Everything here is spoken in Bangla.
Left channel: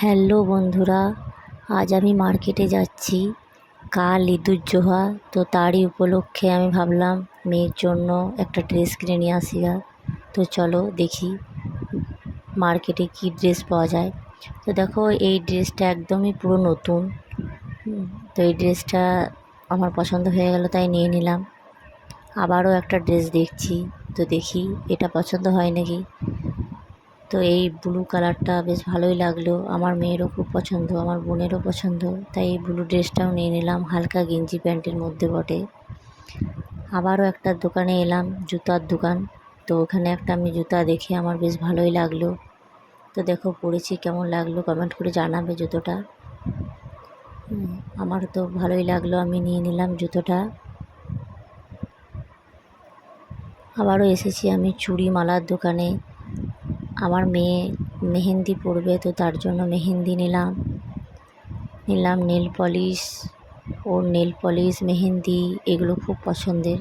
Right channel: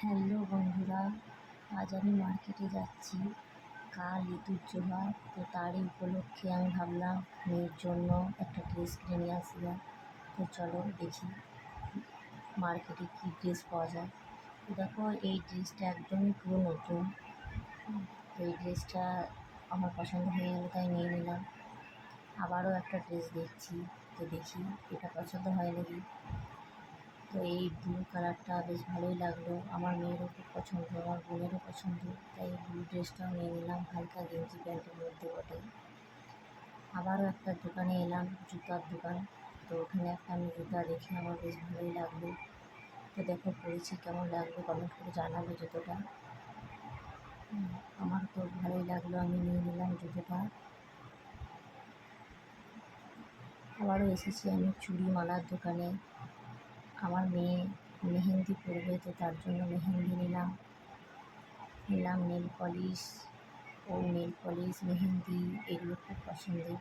হ্যালো বন্ধুরা, আজ আমি মার্কেটে যাচ্ছি। কাল ঈদুজ্জোহা, তো তারই উপলক্ষে আমি ভাবলাম মেয়ের জন্য একটা ড্রেস কিনে নিয়ে আসি। তো চলো দেখি মার্কেটে কি ড্রেস পাওয়া যায়। তো দেখো, এই ড্রেসটা একদমই পুরো নতুন। তো এই ড্রেসটা আমার পছন্দ হয়ে গেল, তাই নিয়ে নিলাম। আবারও একটা ড্রেস দেখছি, তো দেখি এটা পছন্দ হয় নাকি। তো এই ব্লু কালারটা বেশ ভালোই লাগলো, আমার মেয়েরও খুব পছন্দ, আমার বোনেরও পছন্দ, তাই এই ব্লু ড্রেসটাও নিয়ে নিলাম, হালকা গেঞ্জি প্যান্টের মধ্যে বটে। আবারও একটা দোকানে এলাম, জুতার দোকান। তো ওখানে একটা আমি জুতা দেখে আমার বেশ ভালোই লাগলো। তো দেখো পরেছি, কেমন লাগলো কমেন্ট করে জানাবে জুতোটা। আমারও তো ভালোই লাগলো, আমি নিয়ে নিলাম জুতোটা। আবারও এসেছি আমি চুড়ি মালার দোকানে। আমার মেয়ে মেহেন্দি পরবে, তো তার জন্য মেহেন্দি নিলাম। নেল পলিশ, ওর নেল পলিশ, মেহেন্দি এগুলো খুব পছন্দের।